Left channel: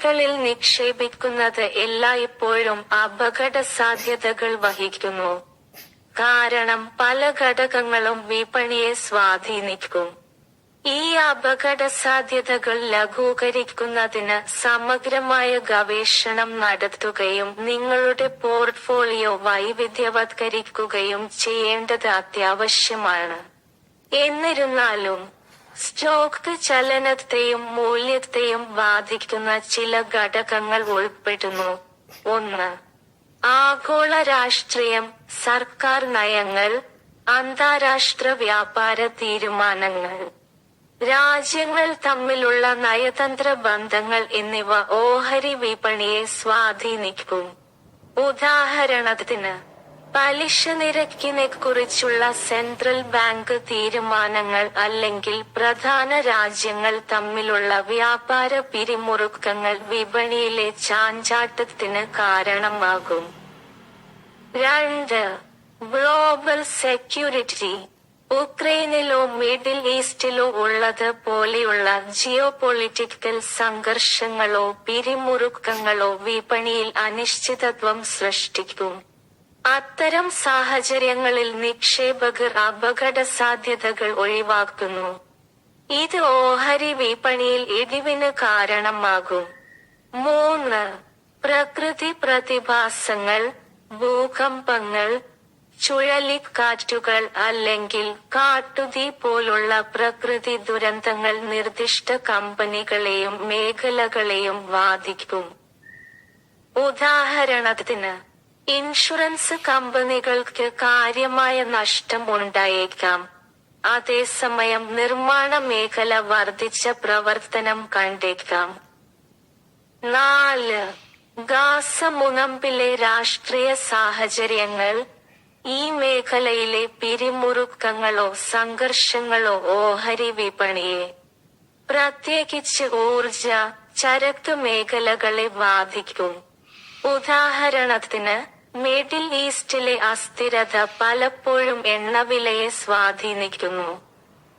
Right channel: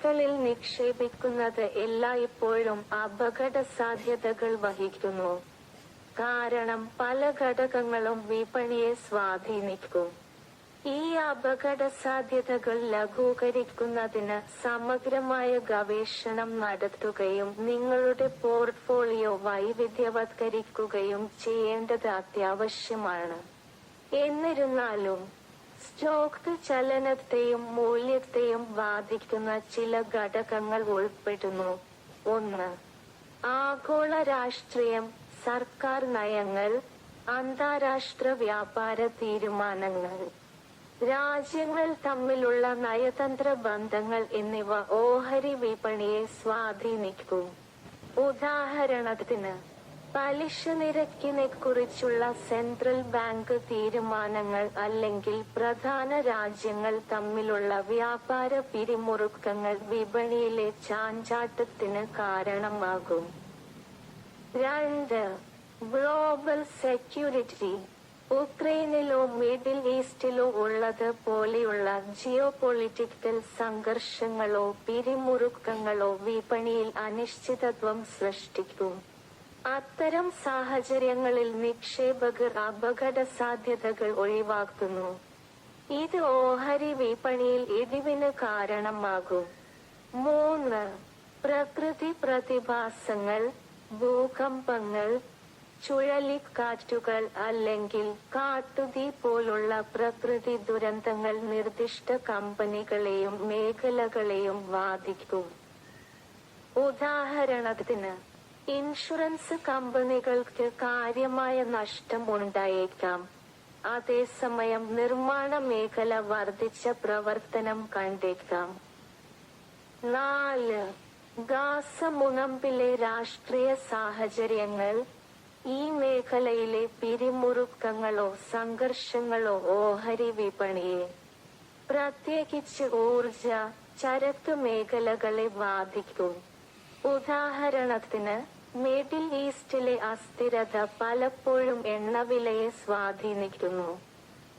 വിപണികളിൽ നിക്ഷേപിക്കുന്നത് എല്ലായ്പ്പോഴും അപകട സാധ്യതകൾ വഹിക്കുന്നു. കാരണം പല ഘടകങ്ങളും വിപണിയെ സ്വാധീനിക്കും. ഈ അപകട സാധ്യതകൾ ലഘൂകരിക്കുന്നതിന് സമഗ്രമായ ഗവേഷണം നടത്തുകയും നിങ്ങളുടെ പോർട്ട്ഫോളിയോ വൈവിധ്യവത്കരിക്കുകയും ചെയ്യേണ്ടത് അത്യാവശ്യമാണ്. എന്നിരുന്നാലും സ്റ്റോക്ക് ചലനത്തെയും മൂല്യത്തെയും ബാധിക്കുന്ന ചില ഘടകങ്ങൾ ഉൾപ്പെടുന്നു. ഒന്ന് ആഗോള രാഷ്ട്രീയം സർക്കാർ നയങ്ങൾ അന്താരാഷ്ട്ര വ്യാപാര തീരുമാനങ്ങൾ. രാജ്യങ്ങൾ തമ്മിലുള്ള നയതന്ത്ര ബന്ധങ്ങൾ എന്നിവ ഓഹരി വിപണിയെ സ്വാധീനിക്കും. ഉദാഹരണത്തിന് പലിശ നിരക്കിനെ കുറിച്ചുള്ള സെൻട്രൽ ബാങ്ക് തീരുമാനങ്ങൾ അല്ലെങ്കിൽ പ്രധാന രാജ്യങ്ങൾ തമ്മിലുള്ള വ്യാപാര പിരിമുറുക്കങ്ങൾ വിപണിയിലെ ചാഞ്ചാട്ടത്തിന് കാരണമാകും. രണ്ട് ഗ്ലോബൽ സെക്യൂരിറ്റി. ഉക്രൈനിലോ മിഡിൽ ഈസ്റ്റിലോ ഉള്ളത് പോലെയുള്ള ജിയോ പൊളിറ്റിക്കൽ സംഘർഷങ്ങളോ പിരിമുറുക്കങ്ങളോ വിപണിയിൽ അനിശ്ചിതത്വം സൃഷ്ടിക്കും. അത്തരം സാഹചര്യങ്ങളിൽ നിക്ഷേപകർ അപകട സാധ്യതകൾ ഒഴിവാക്കുന്നു. ഇത് ഓഹരി വിപണിയിൽ ഇടിവിന് കാരണമാകും. മൂന്ന് പ്രകൃതി പ്രതിഭാസങ്ങൾ ഭൂകമ്പങ്ങൾ ചുഴലിക്കാറ്റുകൾ അല്ലെങ്കിൽ കാട്ടുതീ പോലുള്ള പ്രകൃതി ദുരന്തങ്ങൾ നിർദ്ദിഷ്ട കമ്പനികളെയും മേഖലകളെയും ബാധിക്കും. ഉദാഹരണത്തിന് ഇൻഷുറൻസ് കമ്പനികൾക്ക് കാര്യമായ നഷ്ടം ഉണ്ടായേക്കാം അതേസമയം നിർമ്മാണ മേഖല വർദ്ധിച്ച പ്രവർത്തനം കണ്ടേക്കാം. നാല് ഗാസ മുനമ്പിലെ രാഷ്ട്രീയ സാഹചര്യങ്ങൾ ഈ മേഖലയിലെ പിരിമുറുക്കങ്ങളോ സംഘർഷങ്ങളോ ഓഹരി വിപണിയെ പ്രത്യേകിച്ച് ഊർജ ചരക്ക് മേഖലകളെ ബാധിക്കും. ഉദാഹരണത്തിന് മിഡിൽ ഈസ്റ്റിലെ അസ്ഥിരത പലപ്പോഴും എണ്ണവിലയെ സ്വാധീനിക്കുന്നു.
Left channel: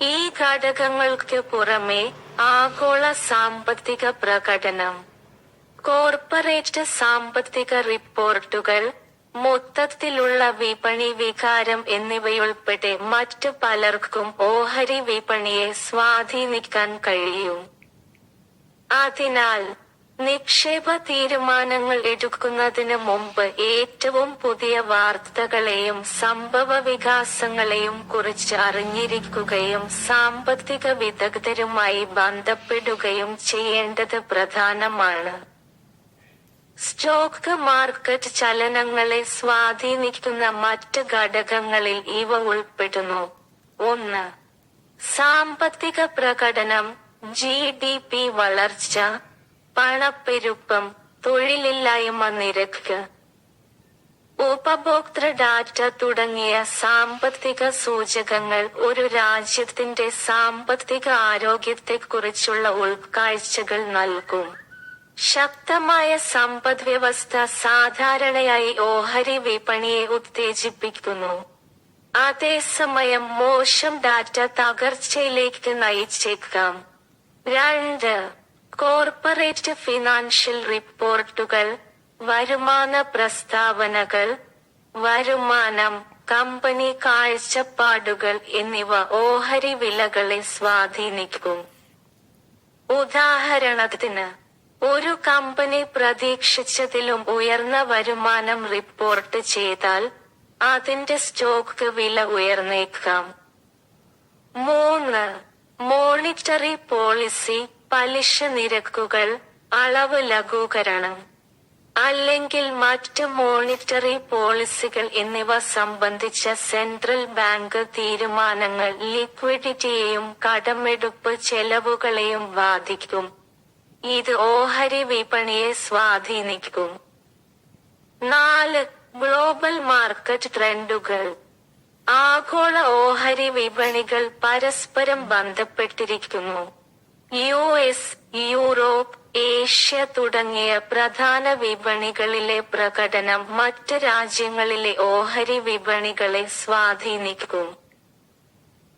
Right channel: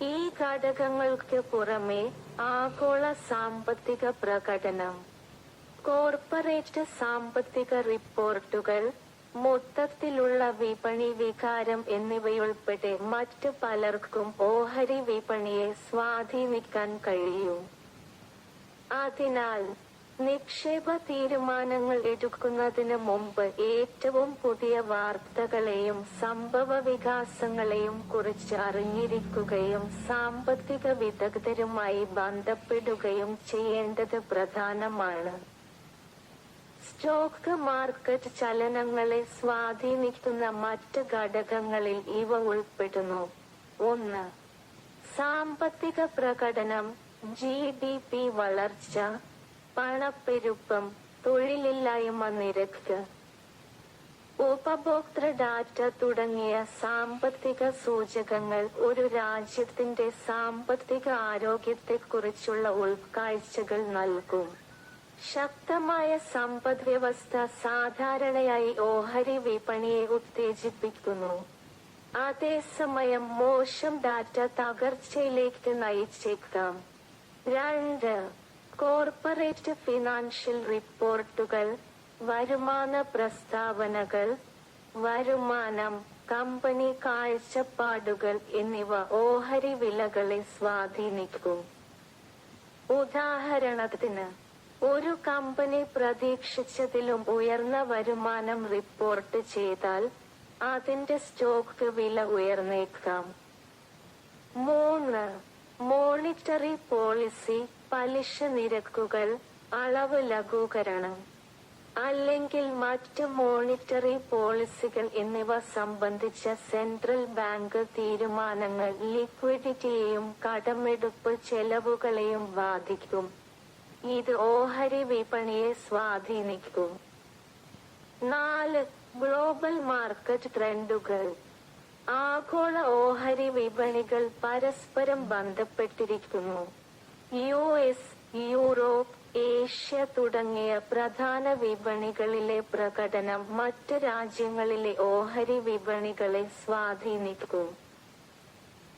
ഈ ഘടകങ്ങൾക്ക് പുറമെ ആഗോള സാമ്പത്തിക പ്രകടനം കോർപ്പറേറ്റ് സാമ്പത്തിക റിപ്പോർട്ടുകൾ മൊത്തത്തിലുള്ള വിപണി വികാരം എന്നിവയുൾപ്പെടെ മറ്റു പലർക്കും ഓഹരി വിപണിയെ സ്വാധീനിക്കാൻ കഴിയും. അതിനാൽ നിക്ഷേപ തീരുമാനങ്ങൾ എടുക്കുന്നതിന് മുമ്പ് ഏറ്റവും പുതിയ വാർത്തകളെയും സംഭവ വികാസങ്ങളെയും കുറിച്ച് അറിഞ്ഞിരിക്കുകയും സാമ്പത്തിക വിദഗ്ധരുമായി ബന്ധപ്പെടുകയും ചെയ്യേണ്ടത് പ്രധാനമാണ്. സ്റ്റോക്ക് മാർക്കറ്റ് ചലനങ്ങളെ സ്വാധീനിക്കുന്ന മറ്റ് ഘടകങ്ങളിൽ ഇവ ഉൾപ്പെടുന്നു. ഒന്ന് സാമ്പത്തിക പ്രകടനം ജി വളർച്ച പണപ്പെരുപ്പം തൊഴിലില്ലായ്മ നിരക്ക് ഉപഭോക്തൃ ഡാറ്റ തുടങ്ങിയ സാമ്പത്തിക സൂചകങ്ങൾ ഒരു രാജ്യത്തിന്റെ സാമ്പത്തിക ആരോഗ്യത്തെക്കുറിച്ചുള്ള ഉൾക്കാഴ്ചകൾ നൽകും. ശക്തമായ സമ്പദ്വ്യവസ്ഥ സാധാരണയായി ഓഹരി വിപണിയെ ഉത്തേജിപ്പിക്കുന്നു. അതേസമയം മോശം ഡാറ്റ തകർച്ചയിലേക്ക് നയിച്ചേക്കാം. രണ്ട് കോർപ്പറേറ്റ് ഫിനാൻഷ്യൽ റിപ്പോർട്ടുകൾ വരുമാന പ്രസ്താവനകൾ വരുമാനം കമ്പനി കാഴ്ചപ്പാടുകൾ എന്നിവ ഓഹരി വിലകളെ സ്വാധീനിക്കും. ഉദാഹരണത്തിന് ഒരു കമ്പനി പ്രതീക്ഷിച്ചതിലും ഉയർന്ന വരുമാനം റിപ്പോർട്ട് ചെയ്താൽ അതിന്റെ സ്റ്റോക്ക് വില ഉയർന്നേക്കാം. മൂന്ന് മോണിറ്ററി പോളിസി പലിശ നിരക്കുകൾ അളവ് ലഘൂകരണം അല്ലെങ്കിൽ മറ്റ് മോണിറ്ററി പോളിസികൾ എന്നിവ സംബന്ധിച്ച സെൻട്രൽ ബാങ്ക് തീരുമാനങ്ങൾ ലിക്വിഡിറ്റിയെയും കടമെടുപ്പ് ചെലവുകളെയും ബാധിക്കും. ഇത് ഓഹരി വിപണിയെ സ്വാധീനിക്കും. നാല് ഗ്ലോബൽ മാർക്കറ്റ് ട്രെൻഡുകൾ. ആഗോള ഓഹരി വിപണികൾ പരസ്പരം ബന്ധപ്പെട്ടിരിക്കുന്നു. യു എസ് യൂറോപ്പ് ഏഷ്യ തുടങ്ങിയ പ്രധാന വിപണികളിലെ പ്രകടനം മറ്റ് രാജ്യങ്ങളിലെ ഓഹരി വിപണികളെ സ്വാധീനിക്കും.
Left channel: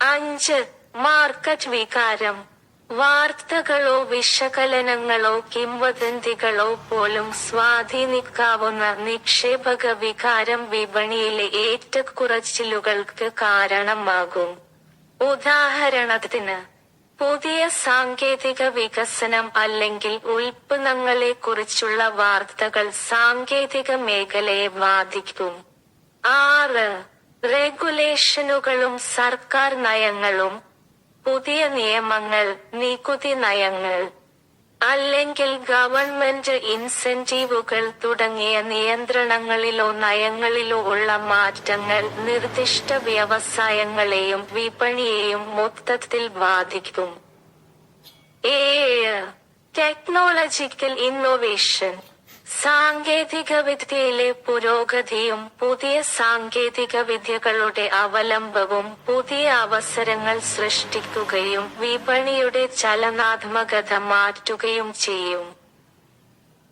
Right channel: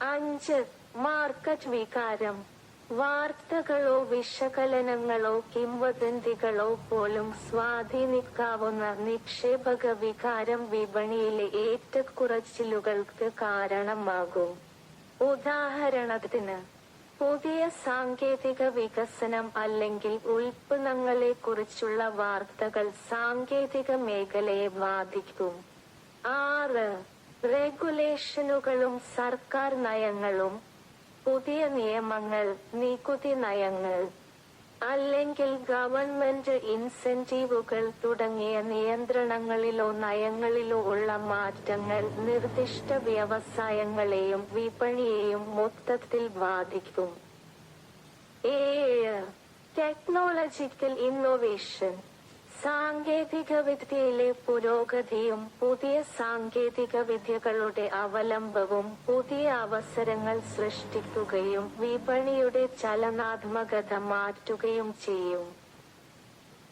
അഞ്ച് മാർക്കറ്റ് വികാരം. വാർത്തകളോ വിശകലനങ്ങളോ കിംവദന്തികളോ പോലും സ്വാധീനിക്കാവുന്ന നിക്ഷേപക വികാരം വിപണിയിലെ ഏറ്റക്കുറച്ചിലുകൾക്ക് കാരണമാകും. ഉദാഹരണത്തിന് പുതിയ സാങ്കേതിക വികസനം അല്ലെങ്കിൽ ഉൽപ്പന്നങ്ങളെ കുറിച്ചുള്ള വാർത്തകൾ സാങ്കേതിക മേഖലയെ ബാധിക്കും. ആറ് റെഗുലേഷനുകളും സർക്കാർ നയങ്ങളും പുതിയ നിയമങ്ങൾ നികുതി നയങ്ങൾ. അല്ലെങ്കിൽ ഗവൺമെന്റ് ഇൻസെന്റീവുകൾ തുടങ്ങിയ നിയന്ത്രണങ്ങളിലോ നയങ്ങളിലോ ഉള്ള മാറ്റങ്ങൾ നിർദ്ദിഷ്ട വ്യവസായങ്ങളെയും വിപണിയെയും മൊത്തത്തിൽ ബാധിക്കും. ഏഴ് ടെക്നോളജിക്കൽ ഇന്നോവേഷൻ സാങ്കേതിക വിദ്യയിലെ പുരോഗതിയും പുതിയ സാങ്കേതിക വിദ്യകളുടെ അവലംബവും പുതിയ അവസരങ്ങൾ സൃഷ്ടിക്കുകയും വിപണിയുടെ ചലനാത്മകത മാറ്റുകയും ചെയ്യും.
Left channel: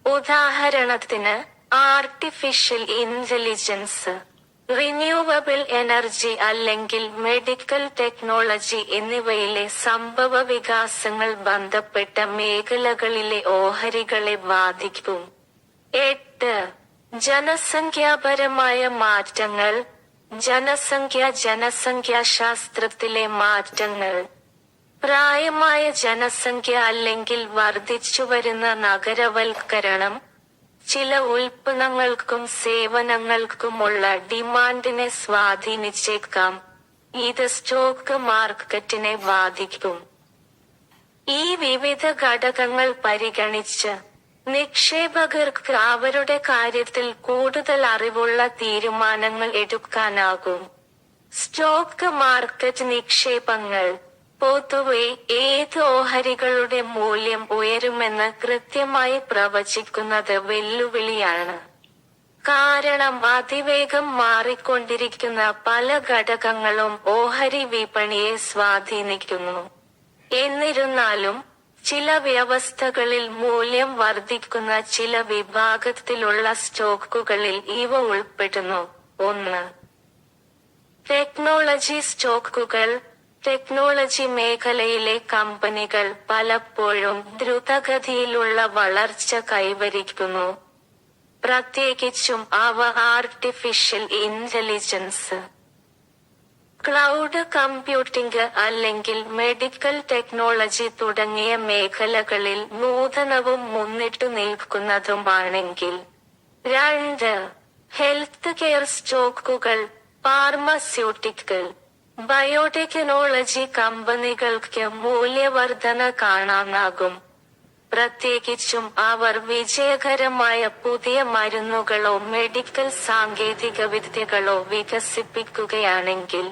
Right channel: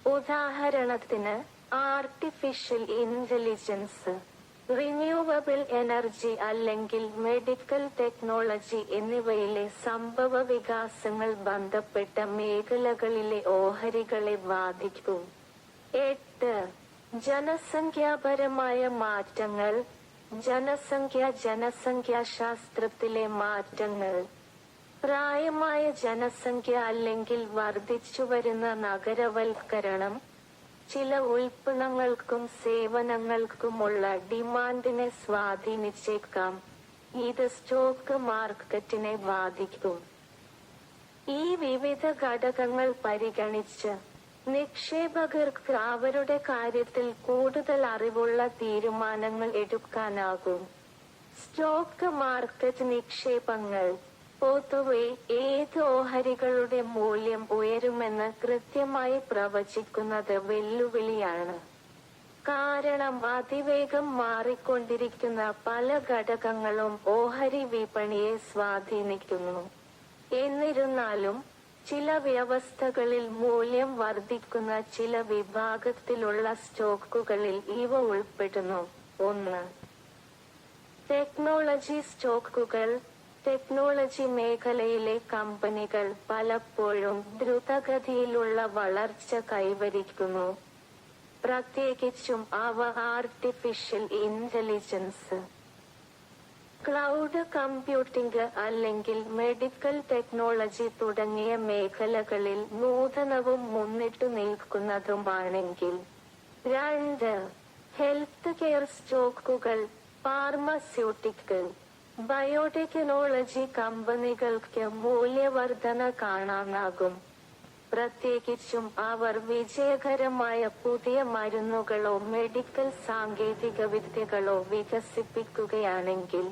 ഉദാഹരണത്തിന് ആർട്ടിഫിഷ്യൽ ഇന്റലിജൻസ് റിന്യൂവബിൾ എനർജി അല്ലെങ്കിൽ മെഡിക്കൽ ടെക്നോളജി എന്നിവയിലെ സംഭവ വികാസങ്ങൾ ബന്ധപ്പെട്ട മേഖലകളിലെ ഓഹരികളെ ബാധിക്കും. എട്ട്. ജനസംഖ്യാപരമായ മാറ്റങ്ങൾ. ജനസംഖ്യ ജനസംഖ്യാശാസ്ത്രത്തിലെ മാറ്റങ്ങൾ. പ്രായമായ ജനസംഖ്യ അല്ലെങ്കിൽ വർദ്ധിച്ചുവരുന്ന നഗരവൽക്കരണം. ചില ഉൽപ്പന്നങ്ങൾക്കും സേവനങ്ങൾക്കുമുള്ള ഡിമാൻഡിനെ സ്വാധീനിച്ചേക്കാം. ഇത് സ്റ്റോക്ക് മാർക്കറ്റിനെ ബാധിക്കും. ഈ വിവിധ ഘടകങ്ങൾ പരിഗണിച്ച് നിക്ഷേപകർക്ക് അവരുടെ കാര്യത്തിൽ കൂടുതൽ അറിവുള്ള തീരുമാനങ്ങൾ എടുക്കാനാകും. സ്റ്റോക്ക് മാർക്കറ്റ് നിക്ഷേപങ്ങൾ പൊതുവെ ഏത് ഓഹരികളുടെ മൂല്യം ഉയരുമെന്ന് കൃത്യമായി പ്രവചിക്കുന്നത് വെല്ലുവിളിയാണ്. കാരണം അതിവേഗം മാറിക്കൊണ്ടിരിക്കുന്ന പല ഘടകങ്ങളും ഓഹരി വിപണിയെ സ്വാധീനിക്കുന്നു. എന്നിരുന്നാലും ചില വ്യവസ്ഥകളിൽ മൂല്യം വർദ്ധിക്കുന്ന ചില വിഭാഗത്തിലുള്ള സ്റ്റോക്കുകളിൽ ഇവ ഉൾപ്പെടുന്നു. ഒന്ന്. ടെക്നോളജി സ്റ്റോക്കുകൾ. ടെക്നോളജി മേഖലയിലെ കമ്പനികൾ പലപ്പോഴും ദ്രുതഗതിയിലുള്ള വളർച്ച കൈവരിക്കുന്നു. പ്രത്യേകിച്ചും അവ ആർട്ടിഫിഷ്യൽ ഇന്റലിജൻസ് ക്ലൗഡ് കമ്പ്യൂട്ടിംഗ് അല്ലെങ്കിൽ മെഡിക്കൽ ടെക്നോളജി തുടങ്ങിയ മേഖലകളിൽ നൂതനവും മുന്നിട്ടു നിൽക്കുന്നതുമാണെങ്കിൽ. രണ്ട് ഹെൽത്ത് കെയർ സ്റ്റോക്കുകൾ ഫാർമസ്യൂട്ടിക്കൽ ബയോടെക്നോളജി കമ്പനികൾക്ക് മൂല്യവർധന കാണാനാകും. പ്രത്യേകിച്ചും അവർ വിജയകരമായ പുതിയ മരുന്നുകളോ മെഡിക്കൽ സാങ്കേതിക വിദ്യകളോ വികസിപ്പിക്കുകയാണെങ്കിൽ.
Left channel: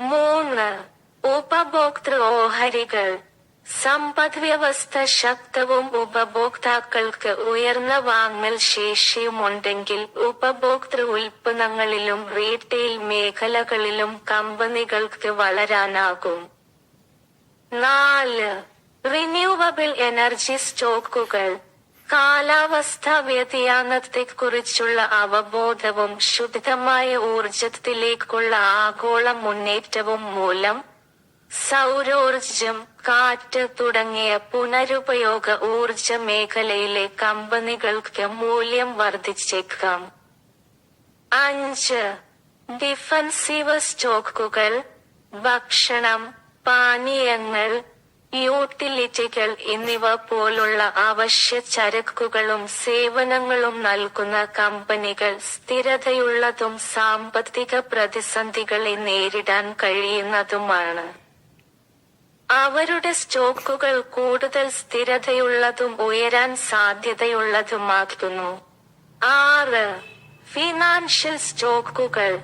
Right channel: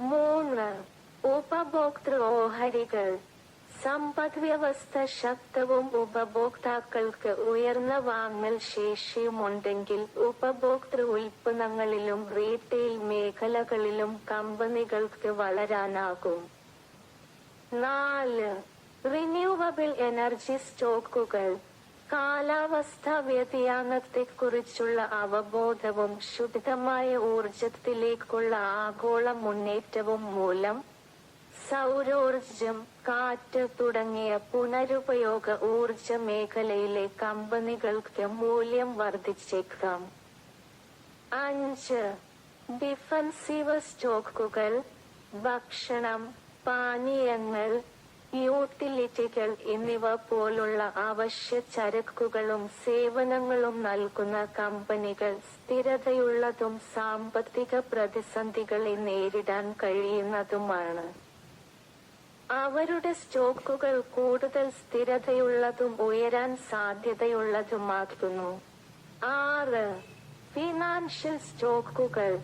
മൂന്ന്. ഉപഭോക്തൃ ഓഹരികൾ സമ്പദ് വ്യവസ്ഥ ശക്തവും ഉപഭോക്താക്കൾക്ക് ഉയർന്ന വാങ്ങൽ ശേഷിയുമുണ്ടെങ്കിൽ ഉപഭോക്തൃ ഉൽപ്പന്നങ്ങളിലും റീറ്റെയിൽ മേഖലകളിലും കമ്പനികൾക്ക് വളരാനാകും. നാല്. റിന്യൂവബിൾ എനർജി സ്റ്റോക്കുകൾ. കാലാവസ്ഥാ വ്യതിയാനത്തെക്കുറിച്ചുള്ള അവബോധവും ശുദ്ധമായ ഊർജത്തിലേക്കുള്ള ആഗോള മുന്നേറ്റവും മൂലം സൗരോർജം കാറ്റ് തുടങ്ങിയ പുനരുപയോഗ ഊർജ മേഖലയിലെ കമ്പനികൾക്ക് മൂല്യം വർദ്ധിച്ചേക്കാം. അഞ്ച്. ഡിഫൻസീവ് സ്റ്റോക്കുകൾ ഭക്ഷണം പാനീയങ്ങൾ യൂട്ടിലിറ്റികൾ എന്നിവ പോലുള്ള അവശ്യ ചരക്കുകളും സേവനങ്ങളും നൽകുന്ന കമ്പനികൾ സ്ഥിരതയുള്ളതും സാമ്പത്തിക പ്രതിസന്ധികളെ നേരിടാൻ കഴിയുന്നതുമാണ്. അവരുടെ സ്റ്റോക്കുകൾ കൂടുതൽ സ്ഥിരതയുള്ളതും ഉയരാൻ സാധ്യതയുള്ളതുമാക്കുന്നു ആറ് ഫിനാൻഷ്യൽ സ്റ്റോക്കുകൾ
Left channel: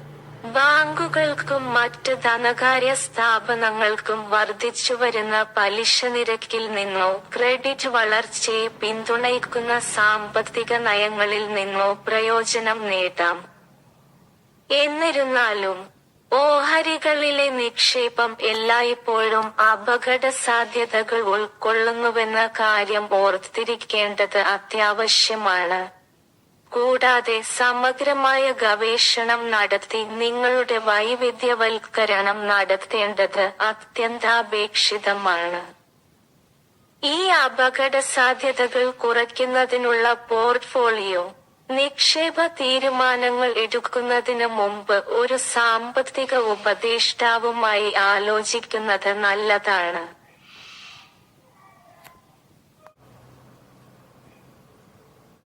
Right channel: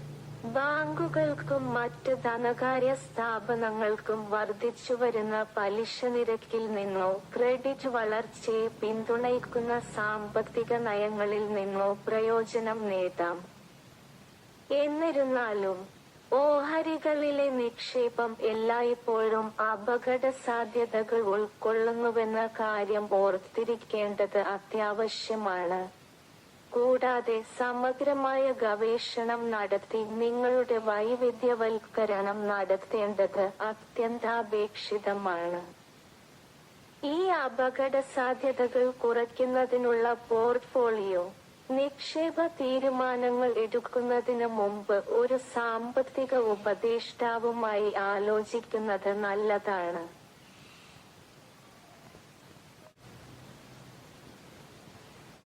ബാങ്കുകൾക്കും മറ്റ് ധനകാര്യ സ്ഥാപനങ്ങൾക്കും വർദ്ധിച്ചുവരുന്ന പലിശ നിരക്കിൽ നിന്നോ ക്രെഡിറ്റ് വളർച്ചയെ പിന്തുണയ്ക്കുന്ന സാമ്പത്തിക നയങ്ങളിൽ നിന്നോ പ്രയോജനം നേടാം. എന്നിരുന്നാലും ഓഹരികളിലെ നിക്ഷേപം എല്ലായ്പ്പോഴും അപകട സാധ്യതകൾ ഉൾക്കൊള്ളുന്നുവെന്ന കാര്യം ഓർത്തിരിക്കേണ്ടത് അത്യാവശ്യമാണ്. കൂടാതെ സമഗ്രമായ ഗവേഷണം നടത്തി നിങ്ങളുടെ വൈവിധ്യവൽക്കരണം നടത്തേണ്ടത് അത്യന്താപേക്ഷിതമാണ്. ഈ അപകട സാധ്യതകൾ കുറയ്ക്കുന്നതിനുള്ള പോർട്ട്ഫോളിയോ നിക്ഷേപ തീരുമാനങ്ങൾ എടുക്കുന്നതിന് മുമ്പ് ഒരു സാമ്പത്തിക ഉപദേഷ്ടാവുമായി ആലോചിക്കുന്നത് നല്ലതാണ്.